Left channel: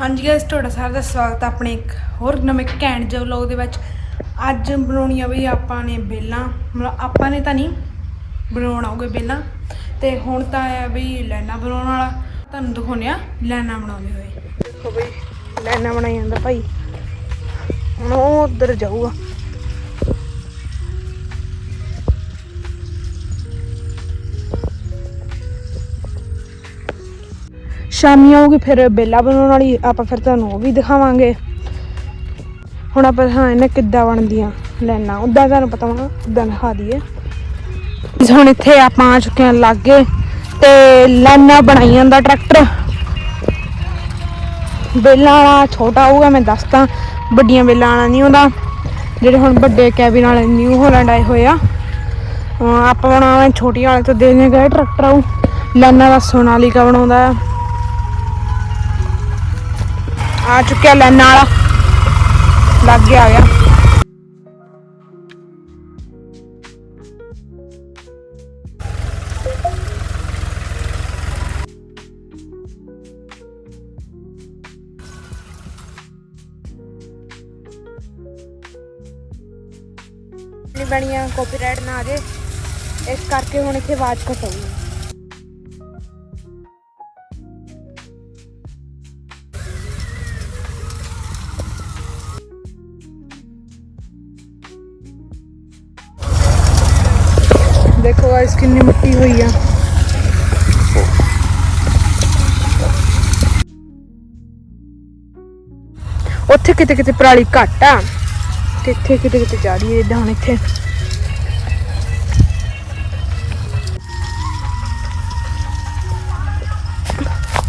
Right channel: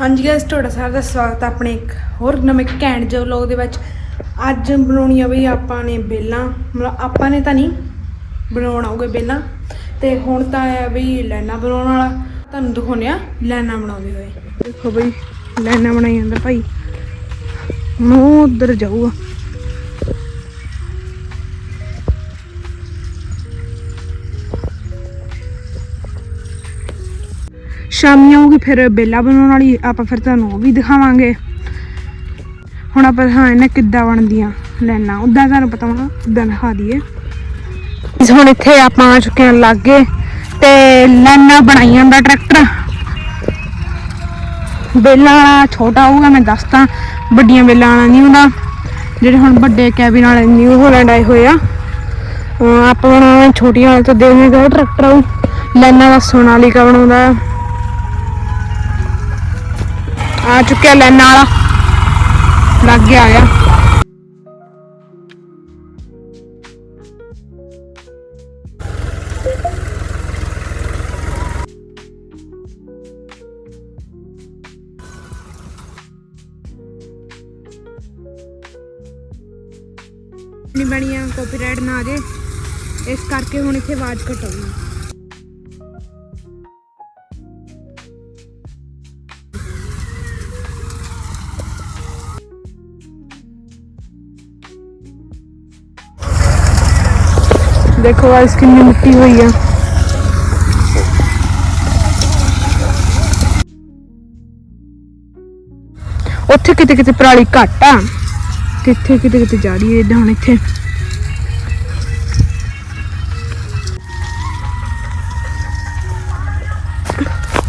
ਹਾਂਜੀ ਗਾਇਸ ਤੁਹਾਡਾ ਸਾਰਿਆਂ ਦਾ ਸਵਾਗਤ ਹੈ ਆਪਣੇ ਇੱਕ ਹੋਰ ਨਵੇਂ ਘੈਂਟ ਜੋ ਲੋਗ ਦੇ ਵਿੱਚ। ਅੱਜ ਬਣਾਉਣੀ ਆ ਬਈ ਆਪਾਂ ਨੇ ਬੇਲਾਂ। ਮਤਲਬ ਆਪਾਂ ਨੇ ਤਾਂ ਨਹੀਂ ਬਣਾਉਣ ਆਉਗੇ ਬੇਲਾਂ। ਤੇ ਹੁਣ ਤਾਂ ਆ ਬਈ ਲੈਣਾ ਬਣਾਉਣ ਵਾਲਾ। ਤੁਹਾਨੂੰ ਦਿਖਾਉਂਦੇ ਆ ਲੈਣਾ ਬਣਾਉਂਦੇ ਹੋਏ। ਦੇਖੋ ਬਈ, ਲੈਣਾ ਬਣਾਈ ਜਾਂਦਾ ਭਾਈ। ਹੁਣ ਉਹ ਉਧਰ ਜਾਊਗਾ। ਸ਼ਾਮੀ ਆਊਗੀ, ਫਿਰ ਬੇਲਾ ਬਣਾਉਣ ਵਾਲੀ, ਆਪਾਂ ਫਿਰ ਤੁਹਾਨੂੰ ਉਹ ਵੀ ਦਿਖਾਵਾਂਗੇ। ਹੁਣ ਆਪਾਂ, ਹਾਂ, ਇਹਨੇ ਕਿੱਦਾਂ ਬਣਦੀਆਂ, ਲੈਣਾ। ਉਦਾਂ ਤੁਹਾਨੂੰ ਪਤਾ ਹੋਣਾ ਉਦਾਂ ਦਿਖਾ ਦਈਏ। ਹੁਣ ਇੱਥੇ ਆਪਾਂ ਆ ਚੁੱਕੇ ਹਾਂ ਲਾਗੇ, ਤੇ ਲੈਣਾ ਬਣਾਈ ਜਾਂਦਾ ਟਰੈਕਟਰ। ਬੇਲਾਂ ਵਾਲਾ ਛੋਟਾ ਹੋਊਗਾ, ਮੈਂ ਦੱਸਦਾ। ਵੱਡੀਆਂ ਬੇਲਾਂ ਵਾਲਾ ਨਹੀਂ ਹੁੰਦਾ। ਜਿਹੜੇ ਹੁਣ ਵੱਡੇ ਕੈਬਿਨ ਵਾਲੇ ਨਿਊ ਹੋਲੈਂਡ ਆਏ ਹੋਏ ਆ। ਆਪਾਂ ਬਣਾਉਣਾ ਛੋਟੀਆਂ ਵਾਲੇ ਤੋਂ ਦੇਖਦੇ ਕਿਹੜਾ ਟਰੈਕਟਰ ਉਹ ਲੈਣਾ ਦਾ ਸੋਨਾਲੀਕਾ ਬਣਾਉਂਦਾ ਆ ਚੁੱਕਿਆ ਲੈਣ ਵਾਲਾ ਲੱਗ ਗਿਆ ਆ। ਗਿਆ ਨਹੀਂ ਬਣੀਆਂ ਕਾਪੀਰਾਈਟ ਨਾ ਆ ਜੇ। ਇਸ ਕਰਕੇ ਹੁਣ ਇੱਥੇ ਆਵਾਜ਼ ਘਟਾਉਣੀ ਦੇਖੋ ਗਾਇਸ ਕਿੰਨੀ ਮਿੱਟੀ ਹੋਈ ਆ। ਉੱਥੇ ਕਿਤੇ ਕਿਤੇ ਪਰਾਲੀ ਘੱਟ ਆ। ਤੇ ਇੱਥੇ ਕਿਤੇ ਕਿਤੇ ਜਾ ਰਹੀ ਹੈ ਇਦਾਂ ਹੁਣ ਇੱਥੇ।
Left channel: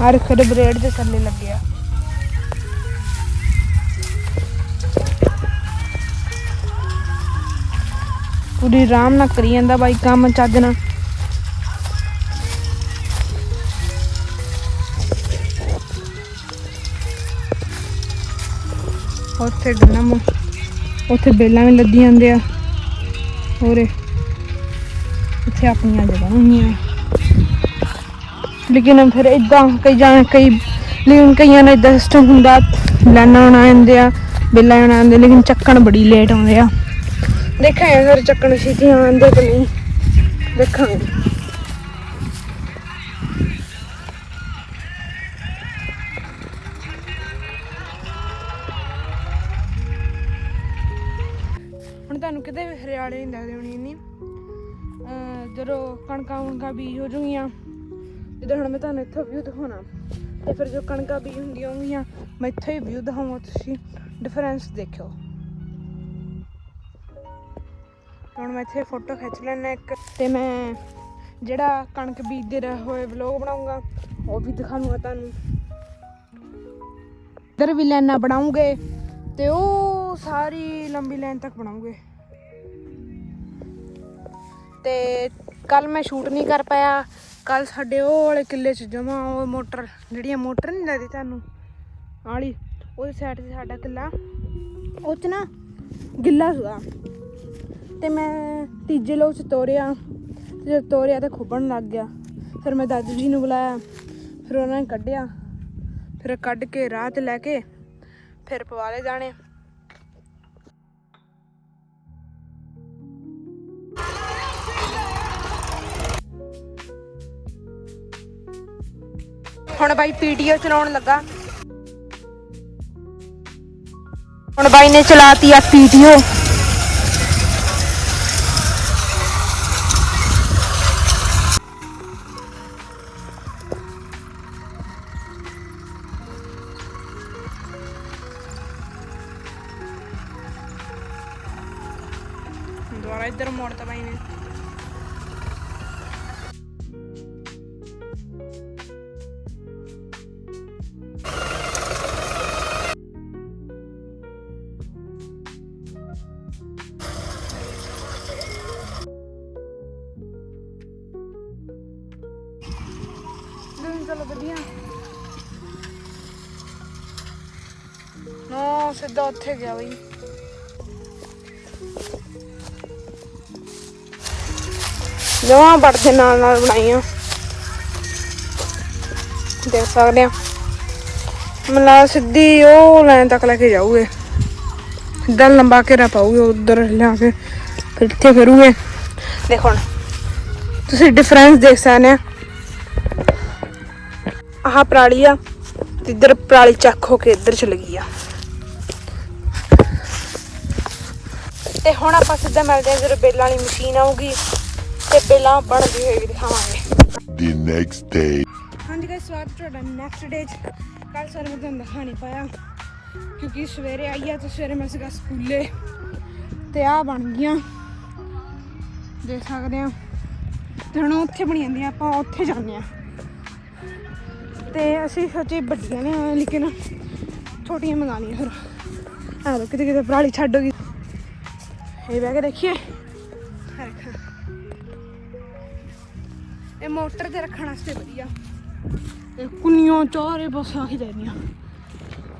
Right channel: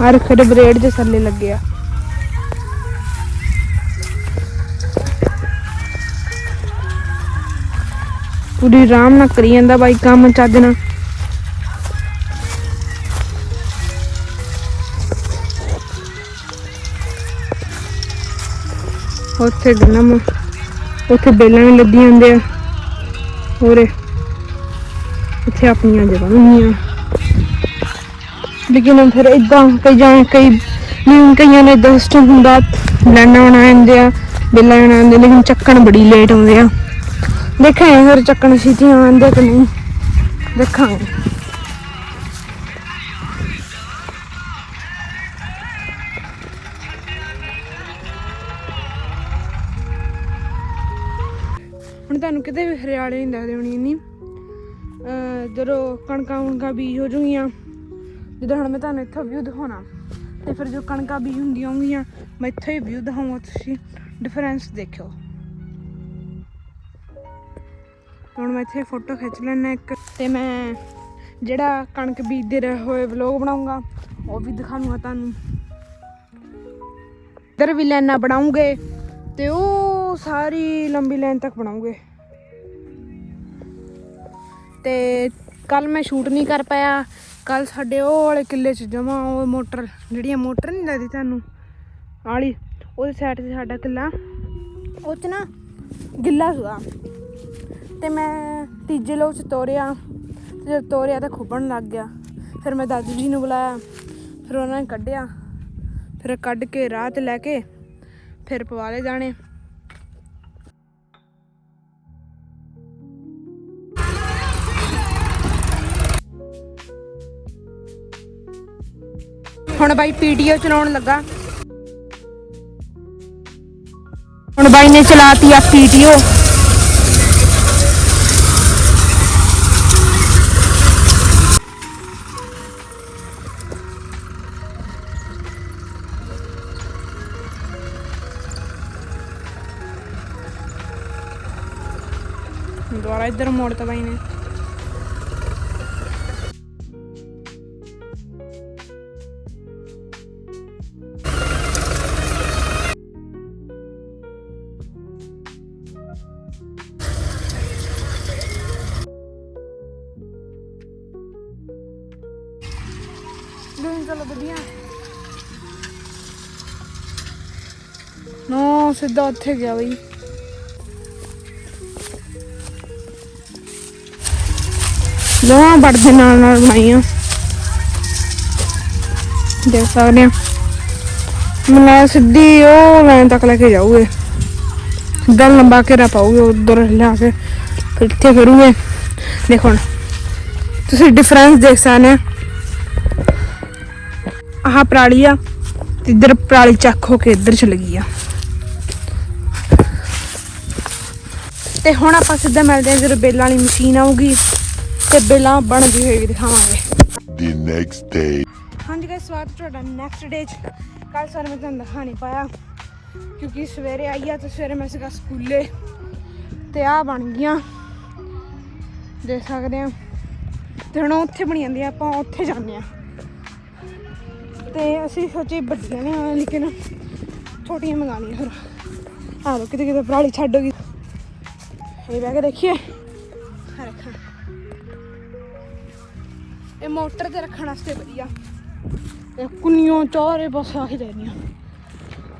ਆ ਰੁੱਖ ਬਰੇਡ ਦੇ ਥੱਲੇ ਲੱਗੇ ਪੂਰੀ ਆਰਾਮ ਨਾਲ ਕਰੀ ਜਾਂਦਾ ਬਾਈ, ਕੰਮ ਚੱਜ ਨਾਲ। ਉੱਥੇ ਗਨਮ ਉੱਥੇ ਬੇਲਾਂ ਵੀ ਲੱਦੀਆਂ ਹੁੰਦੇ ਆ ਹੋਰੇ ਇੱਥੇ ਆਪਣੀਆਂ ਜਗ੍ਹਾ ਹੁੰਦੀਆਂ। ਲੇਕਿਨ ਫਿਰ ਇਦਾਂ ਕਈ ਜਾਂ ਕਈ ਨਹੀਂ ਕਈਆਂ ਨੇ ਇਦਾਂ ਸਿਸਟਮ ਹੁੰਦਾ ਲਾਣਾ ਨਾ ਆਉਂਦੇ ਆ, ਬੇਲਾਂ ਨਾ ਆਉਂਦੇ ਲੇਕਿਨ ਚੱਕਣ ਬੜੀ ਲੇਟ ਆਉਂਦੇ ਆ। ਦੇਖਾਂ ਹਰ ਚੱਕਣ ਸੀ ਤੇ ਆਉਂਦੇ ਕਿ ਨਹੀਂ। ਦੇਖਾਂਗੇ ਹੁਣ ਤੁਹਾਨੂੰ ਕਿਤੇ ਵੀ ਹਰਿਆਲੇ ਨਹੀਂ ਲੱਗਦੇ ਹੋਣੀ ਇੰਨੀ। ਅਹ ਜਦੋਂ ਕਣਕਾਂ ਕਣਕਾਂ ਬੀਜ ਹੋ ਜੂਗੀਆਂ ਜਦੋਂ ਹੁਣ ਮੈਂ ਤੁਹਾਨੂੰ ਇੱਥੋਂ ਵਿਊ ਦਿਖਾਉਣਾ, ਤੇ ਫਿਰ ਜੋ ਕਣਕਾਂ ਬੀਜ ਹੁੰਦੀਆਂ ਹੋਣਗੀਆਂ, ਮੈਂ ਇੱਥੋਂ ਹੀ ਵਿਊ ਦਿਖਾਵਾਂ ਤੁਸੀਂ। ਡਿਫਰੈਂਸ ਦੇਖਿਓ। ਹੁਣ ਮੈਂ ਇੱਥੇ ਫੋਟੋ ਖਿੱਚ ਲੈਣਾ ਇੱਕ। ਤੇ ਮੈਂ ਜਿਹੜਾ ਕਣਕ ਬੀਜਦੇ ਰਹੇ ਹੋਏ ਵਲੌਗ ਬਣਾਉਂਗਾ, ਉਹ ਵੀ ਦਿਖਾਵਾਂਗਾ ਤੁਹਾਨੂੰ। ਇੱਧਰ ਵੀ ਲਾਈਨਾਂ ਬਣਾਉਂਗੇ ਤੇ ਉਹ ਸਾਰੀ ਲੰਬੀ ਲਾਈਨ ਤੱਕ ਬਣਾਉਂਗੇ। ਤੇ ਕੱਲ ਮੈਂ ਸ਼ੂਟ ਨਹੀਂ ਕਰ ਪਾਇਆ। ਕੱਲ ਸਾਡੇ ਉਹ ਵਾਲੇ ਕਿੱਲੇ 'ਚ ਜਮਾ ਉਹ ਮੋਟਰ, ਜਿਹੜੀਆਂ ਮੋਟਰ ਨਹੀਂ ਲੱਗਦੀ ਤੁਹਾਨੂੰ, ਆਲੀ, ਉਹਦੇ ਸਾਈਡ ਤੇ ਸਾਡਾ ਕਿੱਲਾ, ਉਹ 'ਚ ਨਾ ਗਿੱਲਾ ਸੀਗਾ। ਤੇ ਮੈਂ ਤੀਜੇ ਲੋਕ 'ਚ ਤੋਰਿਆ। ਤੇ ਜਦ ਤੋਰਿਆ ਤਾਂ ਖੁੱਬਣ ਲੱਗ ਗਿਆ। ਫਿਰ ਮੈਂ ਦਾਦੂ ਜੀ ਨੂੰ ਬੁਲਾਇਆ। ਫਿਰ ਉਹਨਾਂ ਨੇ ਕੱਢਿਆ। ਫਿਰ ਕੱਢ ਕੇ ਰਾਹ ਤੇ ਲੈ ਕੇ ਫਿਰ ਪਵਾਲੇ ਜਾਣੇ। ਹੁਣ ਬਾਈ ਪੀਟੀਓ ਚਲਾਉਣ ਲੱਗਾ। ਹੁਣ ਬਾਈ ਨੇ ਚਲਾਤੀ ਆ ਪੀਟੀਓ ਦੁਬਾਰਾ ਇੱਧਰ ਮੋੜਤਾ ਬਾਈ ਨੇ। ਨੋ ਸਿੱਧਾ ਉੱਥੇ ਗਿਆ ਬਈ। ਲੋਹਾ ਬੜਦੇ ਨਾਲ ਨਾਲ ਬਣਾਈਆਂ। ਦੇਖ ਸਕਦੇ ਆ। ਮਲਾ ਸਿੱਧੀ ਉਹ ਲਾਈਨ ਤੱਕ ਲੈ ਕੇ ਜਾਊਗੇ। ਸਿੱਧਾ ਲੰਬਾ ਘੇਰਾ ਪਾਉਗੇ ਉਧਰ ਲਿਆ ਕੇ, ਇੱਥੇ ਫਿਰੂਗੇ ਦੇਖੋ ਤੁਸੀਂ ਡਿਫਰੈਂਸ ਦੇਖ ਸਕਦੇ ਆ। ਆਹ ਪਰਾਲੀ ਆ ਇੱਧਰ ਪਰਾਲੀ ਚੱਕ ਹੋ ਕੇ ਇੱਧਰ ਚਲ ਗਈ ਆ। ਤੇ ਹੁਣ ਆਪਾਂ ਸਿੱਧਾ ਮਿਲਦੇ ਹਾਂ ਜਦੋਂ ਬੇਲਾਂ ਵਾਲੀ ਮਸ਼ੀਨ ਆਊਗੀ। ਤੇ ਬੇਲਾਂ ਬਣ ਗਈ ਹੋਏਗੀ ਦਿਖਾਵਾਂਗੇ। The next day. ਹਾਂਜੀ ਗਾਇਸ ਸਵਾਗਤ ਤੁਹਾਡਾ ਨੈਕਸਟ ਡੇ ਚ। ਕੱਲ ਸਰ ਮੈਂ ਤੁਹਾਨੂੰ ਦਿਖਾ ਨਹੀਂ ਪਾਇਆ ਕਿਉਂਕਿ ਸਵੇਰੇ ਆਈ ਆ ਤੇ ਸਵੇਰੇ ਮੈਂ ਸੀਗਾ ਸਕੂਲੇ। ਤੇ ਆ ਬਣ ਗਈਆਂ। ਦੇਖ ਸਕਦੇ ਆ ਤੇ ਹੁਣ ਉੱਥੇ ਬਣੀ ਜਾਂਦੀਆਂ ਆਪਾਂ ਉੱਥੇ ਜਾਂਦੇ ਆ। ਤੇ ਅਸੀਂ ਸੋਚੀ ਵੱਡੀਆਂ ਨੇ ਆਏ ਲੇਕਿਨ ਛੋਟੀਆਂ ਮੰਗਾ ਲਈਆਂ ਫਿਰ ਆ ਲੋ ਕਿਤੇ ਕਿਤੇ ਪਰਾਲੀ ਛੱਡ ਹੋ ਗਈ। ਇਹ ਕੇ ਦੇਖੀਏ। ਰੱਖਾਂ ਇਹ ਮੋਟਰ ਤੇ ਰੱਖਣ ਵਾਸਤੇ ਵਧੀਆ। ਕੁੰਨੀਆਂ ਚਾਰੇ ਬਸ ਆਹੀ ਦੇਣੀਆਂ।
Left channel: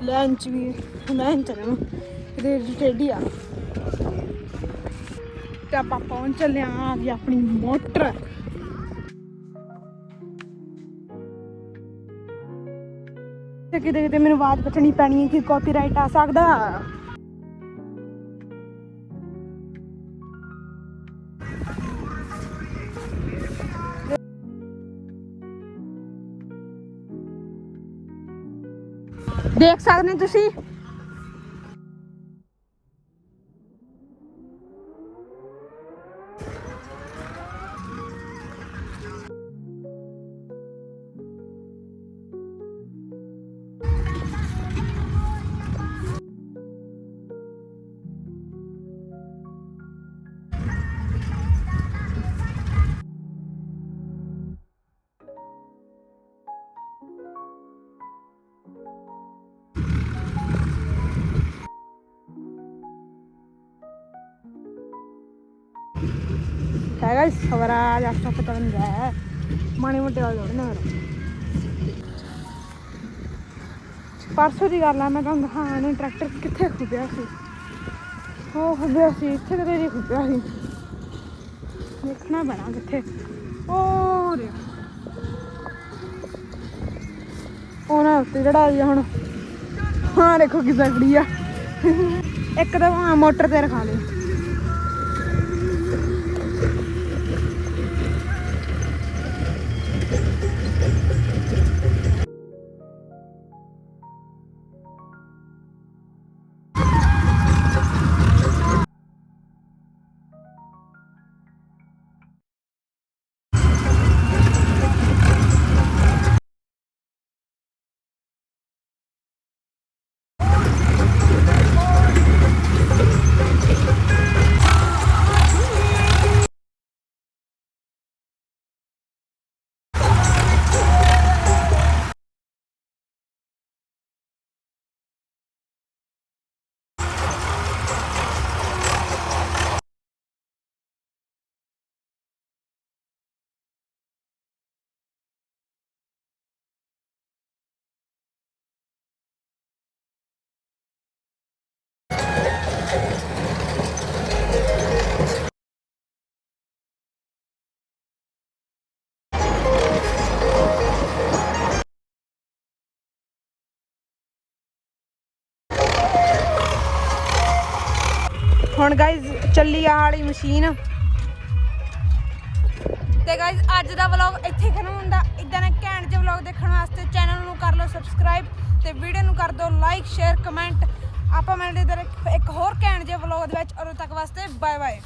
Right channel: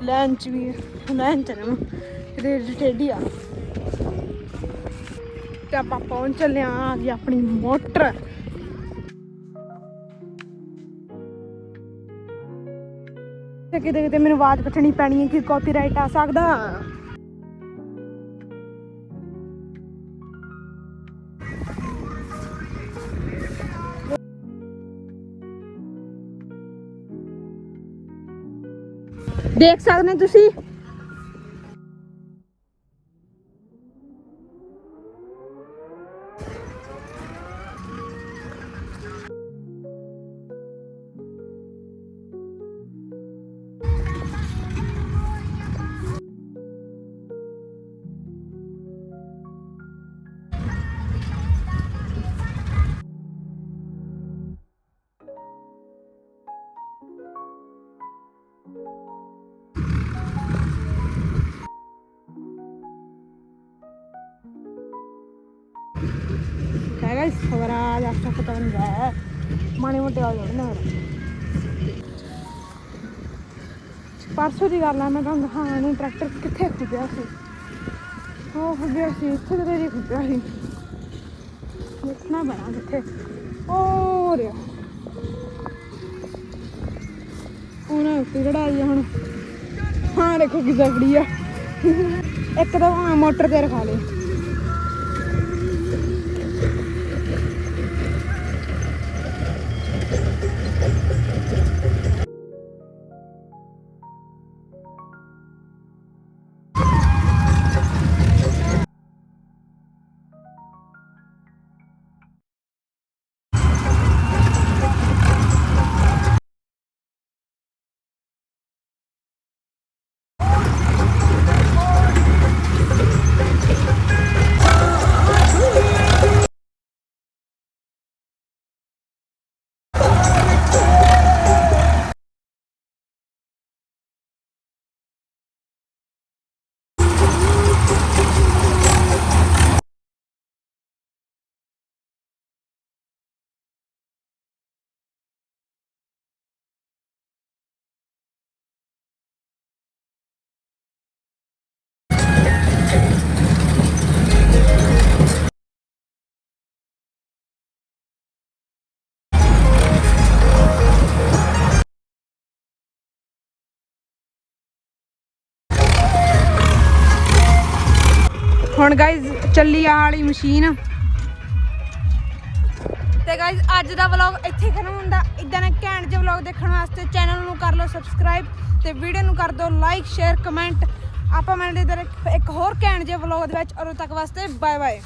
ਲੈਣ ਚ ਵੀ ਲੈਣ ਚ ਨਾ ਇਹਦੇ ਟੇਡੀ ਆ। ਤੇ ਆਪਾਂ ਪਹੁੰਚ ਚੱਲੇ ਆਂ ਜੀ ਆਪਣੀ ਮੋਟਰ। ਤੇ ਕਿਤੇ ਕਿਤੇ ਮੈਨੂੰ ਆਵਾਜ਼ ਪੁੱਛਣੀ ਪੈਣੀ ਹੈ ਕਿ ਕਾਪੀਰਾਈਟ ਆ ਸਕਦਾ? ਦੇਖ ਸਕਦੇ ਤੁਸੀਂ? ਹੈਗਾ ਸਵਰਾਜ ਆਸਤਾ ਪਤਾ ਪਰਸੋਂ ਦੀ ਗੱਲ ਆ, ਮੈਂ ਤੁਹਾਨੂੰ ਦਿਖਾਇਆ ਨਹੀਂ ਟਰੈਕਟਰ ਕਿੱਥੇ ਖੁੱਬਿਆ ਸੀ। ਉਹ ਖੁੱਬਿਆ ਸੀ, ਇੱਥੇ ਤੇ ਤੇਰੀ ਖੁੱਬਿਆ ਸੀ। ਦੇਖਣਾ ਪੈਣਾ ਕਿੱਥੇ। ਉਹ ਉਹਨਾਂ ਉੱਤੇ ਜਿਹੜਾ ਜੀ ਹੁਣ ਹਾਂ ਦੇਖੋ ਕਿੱਦਾਂ ਖੜੀ ਆ। ਇੱਕ ਤਾਂ ਮੋਟਰ ਤੇ ਰਖਾ ਲਿਆ ਹੁਣ ਗਾਇਜ਼ ਚੱਲੀ ਆ ਵਾਲੀ ਮਸ਼ੀਨ। ਤੇ ਗਾਇਜ਼ ਅੱਜ ਦਾ ਵਲੌਗ ਇੱਥੇ ਖਤਮ ਹੁੰਦਾ। ਇਦਾਂ ਦੇ ਘੈਂਟ ਜਿਹੇ ਵਲੌਗ ਦੇਖਣ ਵਾਸਤੇ ਚੈਨਲ ਨੂੰ ਕਰ ਲਓ ਸਬਸਕ੍ਰਾਈਬ ਤੇ ਵੀਡੀਓ ਨੂੰ ਕਰ ਦਿਓ ਲਾਈਕ ਸ਼ੇਅਰ ਕਮੈਂਟ ਆਪਾਂ ਮਿਲਦੇ ਇਧਰ ਇੱਕ ਹੋਰ ਘੈਂਟ ਜਿਹੇ ਵਲੌਗ ਦੇ ਵਿੱਚ। ਔਰ ਤੱਕ ਵਾਸਤੇ ਬਾਏ ਬਾਏ